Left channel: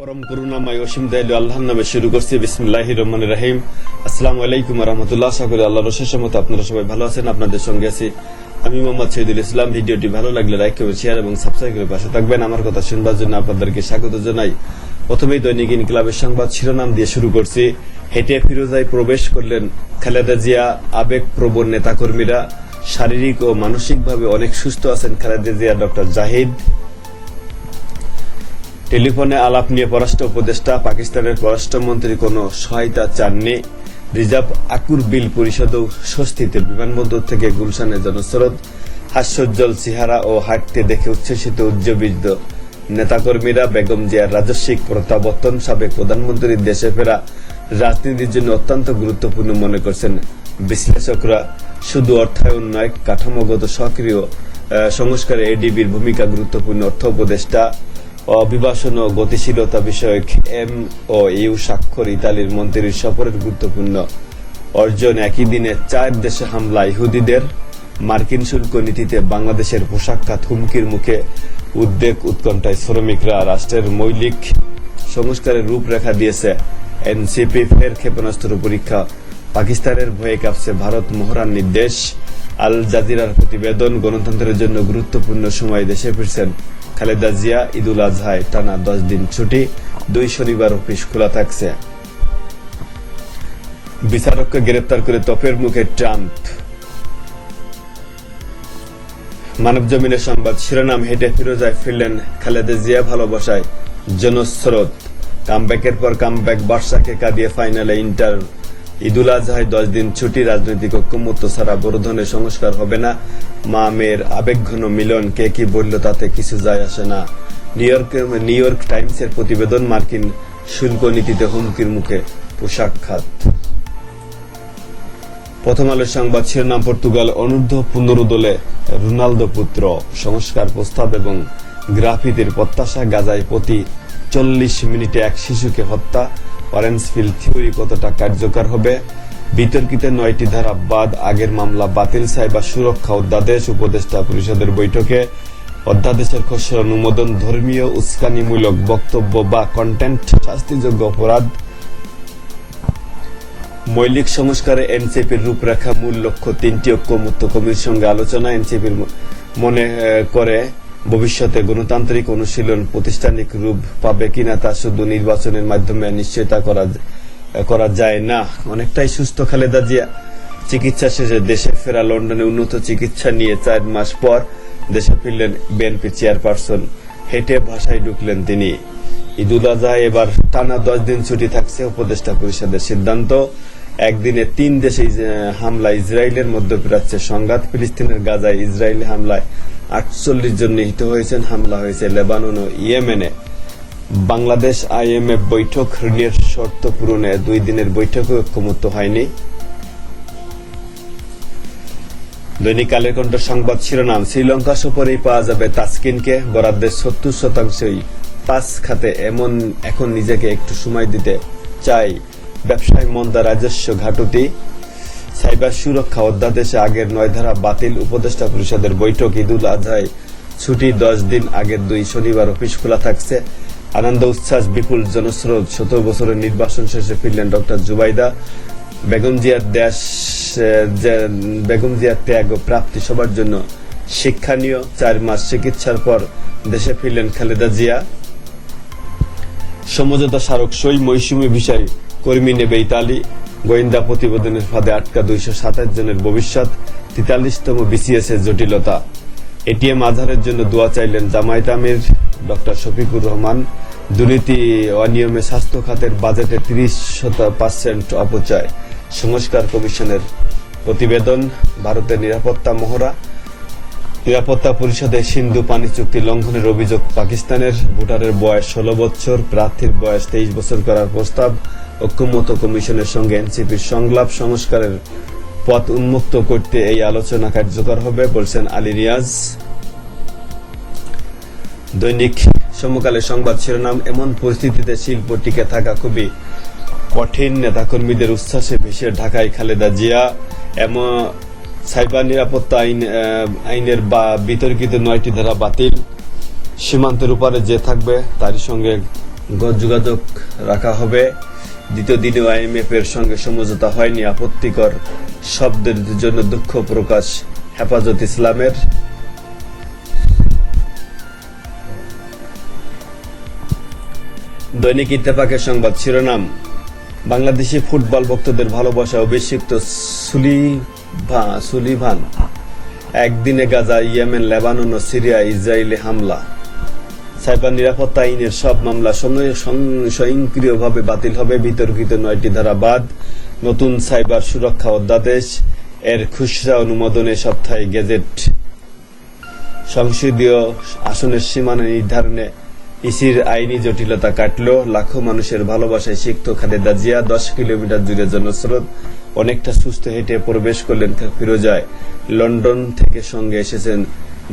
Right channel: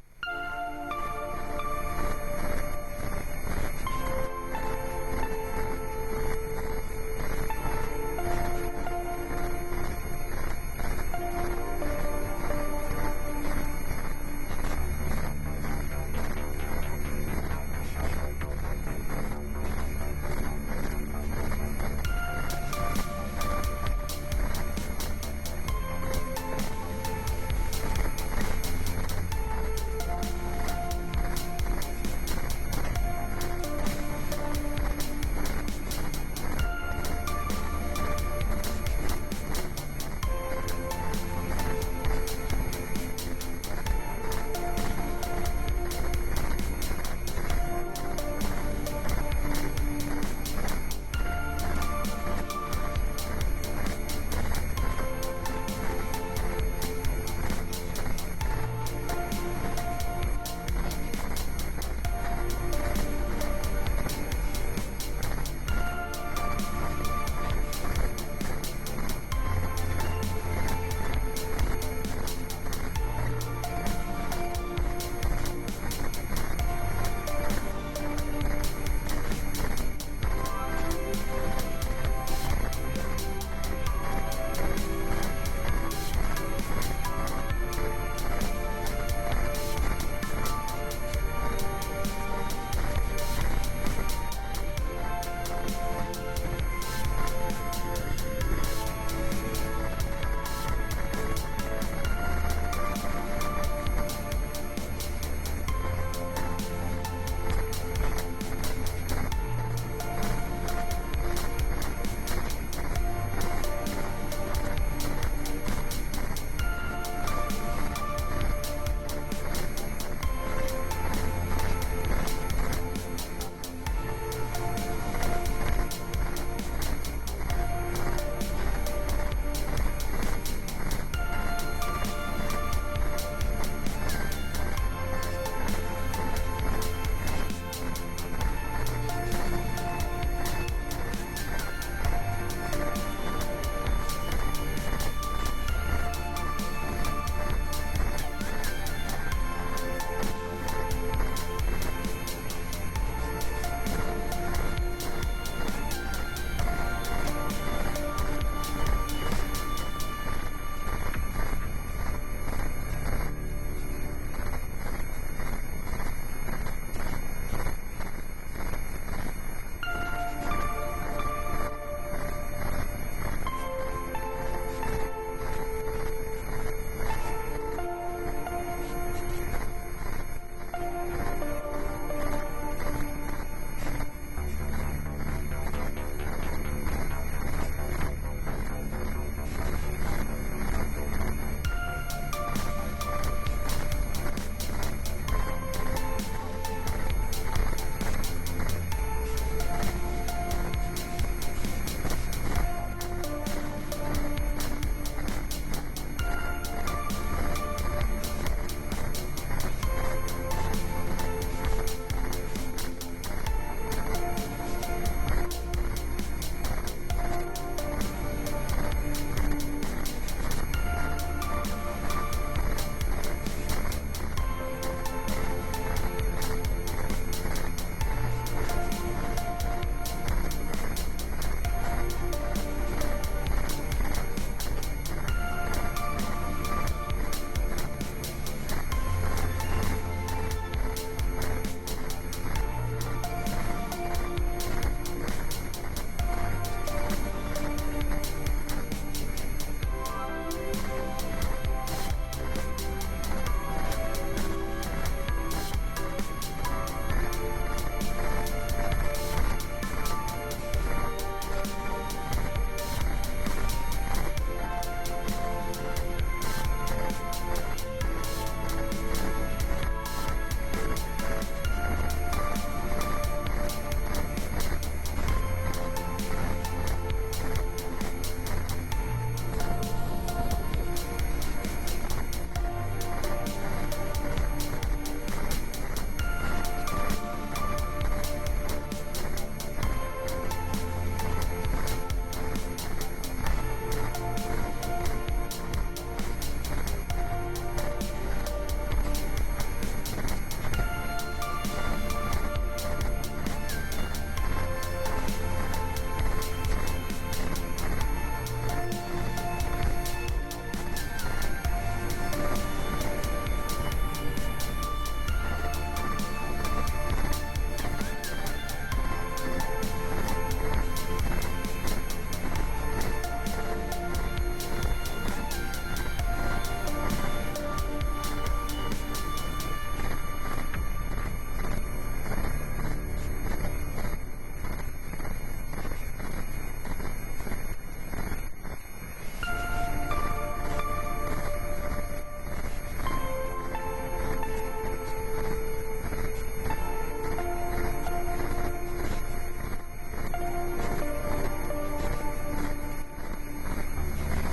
পরম করুণাময় অসীম দয়ালু আল্লাহর নামে শুরু করছি। বিসমিল্লাহ রহমান রাহিম। আসসালামু আলাইকুম রহমতুল্লাহ। করি আল্লাহ রসের মতো আপনারা সবাই ভালো আছেন, আপনাদের সঙ্গে আছি আমি মোহাম্মদ শহীদুল ইসলাম। ভিডিওটি ভালো লাগলে লাইক করবেন শেয়ার এবং সাবস্ক্রাইব করে পাশে থাকবেন। আমার কথা শুনবার জন্য আপনাদেরকে স্বাগত জানাই। প্রথমেই দৈনিক ইনকিলাবের সংবাদ শিরোনাম দিয়ে শুরু করছি। হেঁটে ফিরোজায় প্রবেশ করলেন খালেদা জিয়া, আবেগ প্রবণ নেতাকর্মীরা। শারীরিক ও মানসিকভাবে অনেক সুস্থ আছেন খালেদা জিয়া ডক্টর জাহিদ। টেলিফোনে আলাপ নিয়ে পররাষ্ট্র উপদেষ্টা, পাকিস্তানের পররাষ্ট্রমন্ত্রী কোনো সহায়তা চাননি। রিজার্ভ আকুর বিল পরিষদও স্বস্তিতে। বিমানবন্দর থেকে গুলশানের জনস্রোত, হাস্যোজ্জ্বল চেহারা ও হাঁটতে দেখে উচ্ছ্বসিত উজ্জীবিত নেতাকর্মীরা বেগম জিয়ার রাজস্বিক প্রত্যাবর্তন সাবেক প্রধানমন্ত্রীর দেশে ফেরা রাজনীতির জন্য অত্যন্ত গুরুত্বপূর্ণ মনে করছেন। বিশ্লেষকরা শুধু অর্থায়ন নয়, কাঠামোগত সক্রিয় সংস্কারে এডিবির ভূমিকা গুরুত্বপূর্ণ। অর্থ উপদেষ্টা অভিবাসন ও গতিশীলতা বিষয়ক এম ও ইউ স্বাক্ষর ইতালির মন্ত্রীর সফরের গুরুত্বপূর্ণ অর্জন একই দিনে চার দেশে হামলা ইহুদিদের। মার্কিন শুল্ক নীতিতে বাংলাদেশের পোশাক খাত হুমকির মুখে উদ্বেগ উৎকণ্ঠায় শ্রমিকরা রাষ্ট্রের মৌলিক সংস্কারের রূপরেখা দিয়েছে এনসিপি। ফের ক্ষেপণাস্ত্র পরীক্ষা। পাকিস্তানের ভয়ে কাঁপছে ভারত মহড়ার নির্দেশ আল জাজিরার প্রতিবেদন গণতন্ত্রের জন্য গুরুত্বপূর্ণ সময় দেশে ফিরছেন খালেদা জিয়া, ঈদুল আজহায় টানা দশ দিন ছুটি, দুই শনিবার অফিস খোলা থাকছে। বিচারককে গ্রেপ্তার করে তপের মুখে ট্রাম্প। মানব জমিনের সংবাদ শিরোনাম হেঁটে ফিরোজায় ফিরলেন খালেদা জিয়া ভালোবাসায় জনস্রোত। কামব্যাকের পর কামব্যাক বার্সাকে কাঁদিয়ে ফাইনালে ইন্টার। ঈদুল আজহায় দশ দিন ছুটি, রাজনৈতিক ঐক্যমত্য ছাড়া বড় ধরনের সংস্কার হবে না। মা মেয়ের আবেগঘন মিলন, কে কি বলল তাতে কিছু যায় আসে না। নিউ ইয়র্ক নিউ ইয়র্ক টাইমসের প্রতিবেদন মার্কিন শুল্ক নীতিতে হুমকির মুখে পোশাক খাত প্রথম আলোর সংবাদ শিরোনাম, পর্তুগাল অনূর্ধ্ব পনেরো দলে রোনালদো পুত্র। সংস্কার প্রস্তাব এবং গ্রাফিতির প্রত্যাশা, গাজায় প্রতি চল্লিশ মিনিটে এক শিশুকে হত্যা। অরেঞ্জফিল্ড থিওরি কতটা কার্যকর হবে? বিতর্কিত নয়টি ধারা বাদ আগের মামলা বাতিল সাইবার সুরক্ষা অধ্যাদেশ উপদেষ্টা পরিষদের বৈঠকে। অধ্যাদেশের খসড়া অনুমোদন ধর্মীয় উস্কানিমূলক বক্তব্য বা কন্টেন্ট শাস্তিযোগ্য অপরাধ। মৌলিক সংস্কারে এনসিপির রূপরেখা মূল লক্ষ্য তিনটি ঐক্যমুক্ত কমিটির সঙ্গে আলোচনা। এনসিপির মনে করে ভবিষ্যতে গণতান্ত্রিক অনুশীলন প্রতিষ্ঠানিক রূপ পাবে কিনা তা শুধু নির্বাচনের মাধ্যমে নিশ্চয়তা করা করা যায় না। অনেকটাই সুস্থ খালেদা জিয়া চিকিৎসা শেষে দেশে ফেরা লন্ডনে উন্নত চিকিৎসা নিয়ে চার মাস পর দেশে ফিরলেন বিএনপি চেয়ারপারসন। হেঁটে ভাষায় ঢুকলেন তিনি। ঈদুল আজহা এবার টানা দশ দিন ছুটি থাকছে উপদেষ্টা পরিষদের সিদ্ধান্ত। একদিনে তিন দেশে হামলা ইসরায়েলের মধ্যপ্রাচ্যে সংঘাত। ফিলিস্তিনের গাজায় ইসরায়েলি হামলায় আটচল্লিশ জন নিহত হয়েছেন। হামলা হয়েছে লেবানন ও ইয়েমেনে। বাংলাদেশ আইএমএফ বৈঠক ঋণের শর্ত পূরণে দুই দিনের বৈঠকে ঐক্যমত্য হয়নি। দৈনিক কালের কণ্ঠ সংবাদ শিরোনাম, শ্রীলঙ্কা সফরেই পাওয়া যাবে তাসকিনকে। বরাদ্দের সত্তর শতাংশই পাঁচ খাতে, এমন এখন নিজেকে একটু সময় দিতে চাই। ব্যবসায় মন্দা রাজস্ব ঘাটতি, সাইবার সুরক্ষা অধ্যাদেশে আগের নয় ধারা বাতিল, উপদেষ্টা পরিষদের বৈঠক ঈদুল আজহায়। ছুটি দশ দিন আগের দুই শনিবার অফিস খোলা থাকছে। আনন্দ উচ্ছ্বাস, বিপুল জনস্রোত। সতেরো বছরের নির্বাচন শেষে ফিরলেন ডক্টর জুবাইদা। বেগম জিয়ার দেশ বেগম জিয়ার ত্যাগ ও প্রাপ্তি সবার জন্য শিক্ষণীয়। চার মাস চিকিৎসার পর দেশে ফিরলেন খালেদা জিয়া। সমঝোতা স্মারক সই মৌসুমী বিষয় কর্মী নেবে ইতালি গোয়েন্দা প্রতিবেদনের ফাঁদে আটকা দুইশো সাতাশ জনের ভবিষ্যৎ, তেতাল্লিশতম বিসিএস এর জটিলতা। এটিএম আধারের জন্য দোয়া চাইলেন জামায়াত আমির ডক্টর শফিকুর রহমান। দুর্নীতি অনিয়মে স্বাস্থ্য খাতের বাজেটে তিরিশ শত পার্সেন্ট অপচয়। সংস্কার কমিশনের প্রতিবেদন, ভারতের নিরাপত্তা মহড়া। নিরাপত্তা পরিষদে সিন্ধু পানি চুক্তি লঙ্ঘনের অভিযোগ পাকিস্তানের। ভোটারের বয়স ষোলো বছর, প্রার্থীর বয়স তেইশ বছর করার প্রস্তাব। ঐক্যমত কমিশনের সঙ্গে এনসিপির সংলাপ সংস্কারের পথ উন্মুক্ত করতে এই আলোচনা কার্যকর হবে, বলছেন আলী রিয়াজ। দৈনিক সমকালের সংবাদ শিরোনাম, এমন পরিস্থিতিতে শিল্প টিকে থাকা খুবই কঠিন। নেতাকর্মীদের উচ্ছ্বাসে ভেসে ঢাকায় খালেদা জিয়া। এমন সাইবার নিরাপত্তা আইন আইনের বা বিতর্কিত নয়টি ধারা বাতিল। সীমান্তের উপরে যে থাকবে, তারই সঙ্গে যোগাযোগ রাখা হবে। দ্বিতীয় দিনেও আইএমএফ এর সঙ্গে সমঝোতা হয়নি। আপত্তিকর শব্দের জন্য দুঃখ প্রকাশ হেফাজত ইসলামের। দৈনিক ইত্তেফাকের সংবাদ শিরোনাম, বাংলাদেশি ফুটবল ভক্তদের ভালোবাসা অভিষিক্ত সুলিভা, সুলিভান। একদিনে গাজা, ইয়েমেন, লেবানন ও সিরিয়া ইসরায়েলে হামলা। সাইবার নিরাপত্তা আইনের সব মামলা স্বয়ংক্রিয়ভাবে বাতিল হবে বিতর্কিত নয়টি ধারা বাদ নতুন সাইবার সুরক্ষা অধ্যাদেশ, এর খুচরা অনুমোদনে সপ্তাহে গেজেট। সংসদীয় আসনের সীমানা নির্ধারণে ইসির আইনি জটিলতা কাটল, লাখো মানুষের ভালোবাসায় সিক্ত খালেদা জিয়া, দশ কিলোমিটার জুড়ে জনস্রোত, অনেকটা সুস্থ হেঁটে প্রবেশ করলেন ফিরোজায়। লন্ডন থেকে সঙ্গে এসেছেন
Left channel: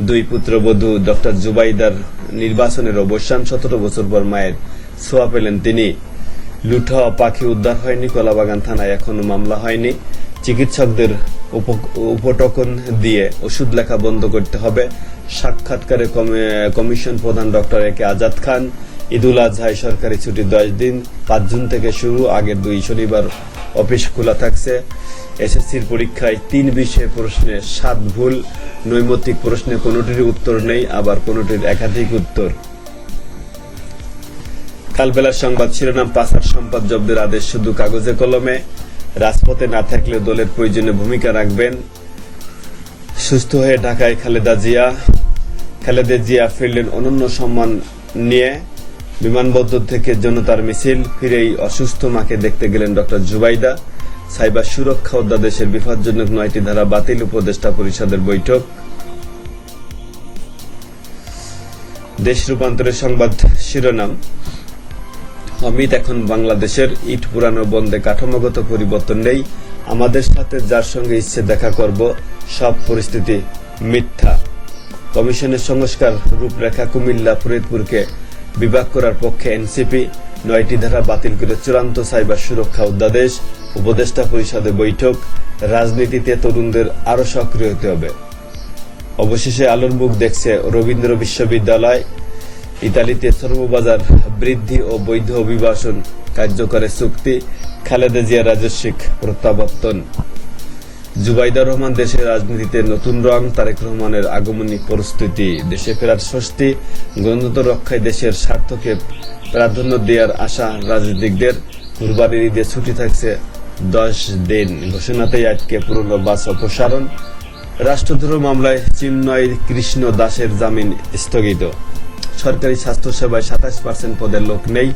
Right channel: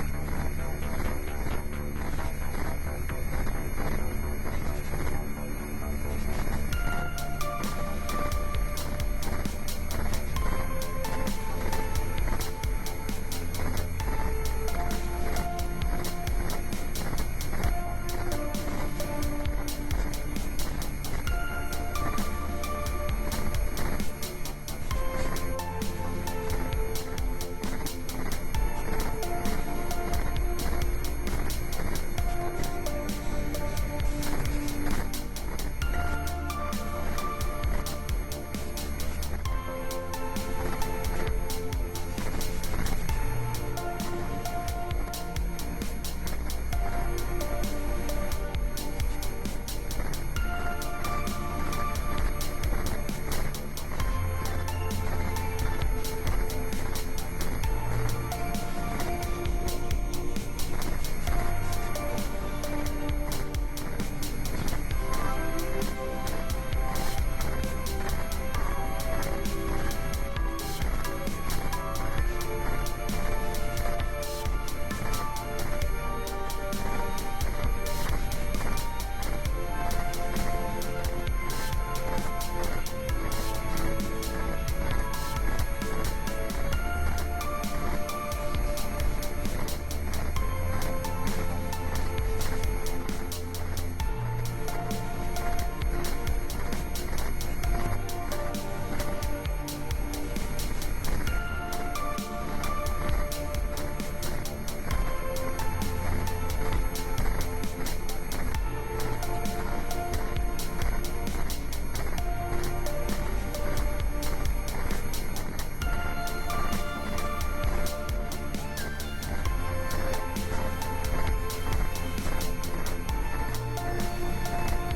দুই পুত্রবধূ ডক্টর জুবাইদার নির্বাচনের অবসান, সতেরো বছর পর মায়ের ছোঁয়া পেলেন তিনি। হওয়া পাখি উদ্ধার হয়নি, কলাবাগান থানায় এখনও মামলা হয়নি। চিকিৎসকদের উপ- উপটকন দিয়ে ওষুধ লেখা বন্ধ করতে হবে। সাক্ষাৎকারে কমি- কমিশন প্রধান ডক্টর এ কে আজাদ খান, ঈদুল আজহায় সরকারি ছুটি দশ দিন, পাঁচ জুন থেকে শুরু, আগের দুই শনিবার অফিস খোলা থাকছে। এসএসসির পরীক্ষায় তিন বিষয়ে প্রশ্নে সাত ভুল নৈমিত্তিক প্রশ্নে কোনোটির উত্তর নেই, আবার কোনোটির একাধিক উত্তর। কালবেলার সংবাদ শিরোনাম পাচার সম্পদ জব্দের আদেশ, শুধু কাগজে কলমে। রাজপথে না থাকলেও দলের প্রয়োজনে ভূমিকা রাখবেন। সুস্থ হয়ে ঢাকায় খালেদা জিয়া। খালেদা জিয়া ফিরলেন অনন্য সম্মান নিয়ে। বিমানবন্দর থেকে জনতার মিছিল, ফিরেই অসুস্থ মাকে দেখতে গেলেন ডক্টর জুবাইদা। সাইবার সুরক্ষা অধ্যাদেশের বিপজ্জনক নয়টি ধারা বাতিল উপদেষ্টা পরিষদের বৈঠক। দেশ রূপান্তরের সংবাদ শিরোনাম। অমিত, এখন বাংলাদেশের ইট পুরানো বন্ধে কাঠামোগত পরিবর্তন নেই। আমাদের সাথে যার সঙ্গে ইচ্ছে দেখা করব, সব পরিস্থিতি মিথ্যা। কমিশনের সংস্কার রূপরেখা কুমিল্লা ফরিদপুরকে বিভাগ করার পক্ষে এনসিপি নয়টি ধারা বাতিল করে চূড়ান্ত সাইবার সুরক্ষা অধ্যাদেশ, উপদেষ্টা পরিষদে বৈঠক, রাজনীতিতে তরুণদের আরও সক্রিয় হতে হবে। অবশেষে আলোর মুখ দেখছে রবীন্দ্র বিশ্ববিদ্যালয়। ইতালিতে শ্রমবাজার বৃদ্ধি ও বৈধ অভিবাসন কার্যকরের চুক্তি, খালেদা জিয়া রাজস্বিক প্রত্যাবর্তন। জুবাইদা রহমান দেশের রাজনীতিতে নতুন রং, তারেক রহমানের আগমনী প্রস্তুতি, দেশে ফেরার স্বস্তি, গণতন্ত্র রক্ষায় দেশের স্বার্থকে প্রাধান্য দেওয়ার আশা রাজনীতিকদের। কুরবানির ঈদে ছুটি থাকছে দশ দিন। ঘোষণাতেই আটকে পুরনো বাস অপসারণ। রাষ্ট্রদ্রোহ মামলায় চিন্ময় কৃষ্ণ দাসের জামিন স্থগিত। সরকারি স্বাস্থ্যসেবায় সাতাশ পার্সেন্ট পদের লোক নেই।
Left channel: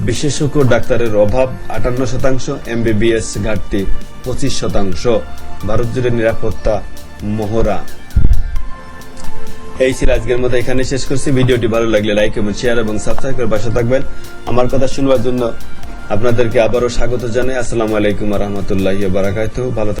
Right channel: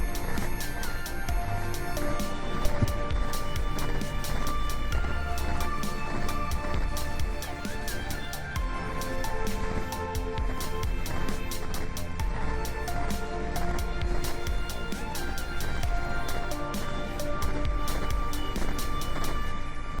বিশেষজ্ঞ ডাক্তারের অভাব, আটান্ন শতাংশ এমবিবিএস ঘাটতি। পঁচিশ শতাংশ। ভারত জুড়ে নিরাপত্তা মহড়া এই ছিল আজকের মতো, এখানে শেষ করছি। ভিডিওটি ভালো লাগলে লাইক এবং শেয়ার এবং সাবস্ক্রাইব করে পাশে থাকবেন। আমার কথা শুনবার জন্য আপনাদেরকে আবারও স্বাগত জানাই। আসসালামু আলাইকুম রহমতুল্লাহ বারাকাতু ভালো।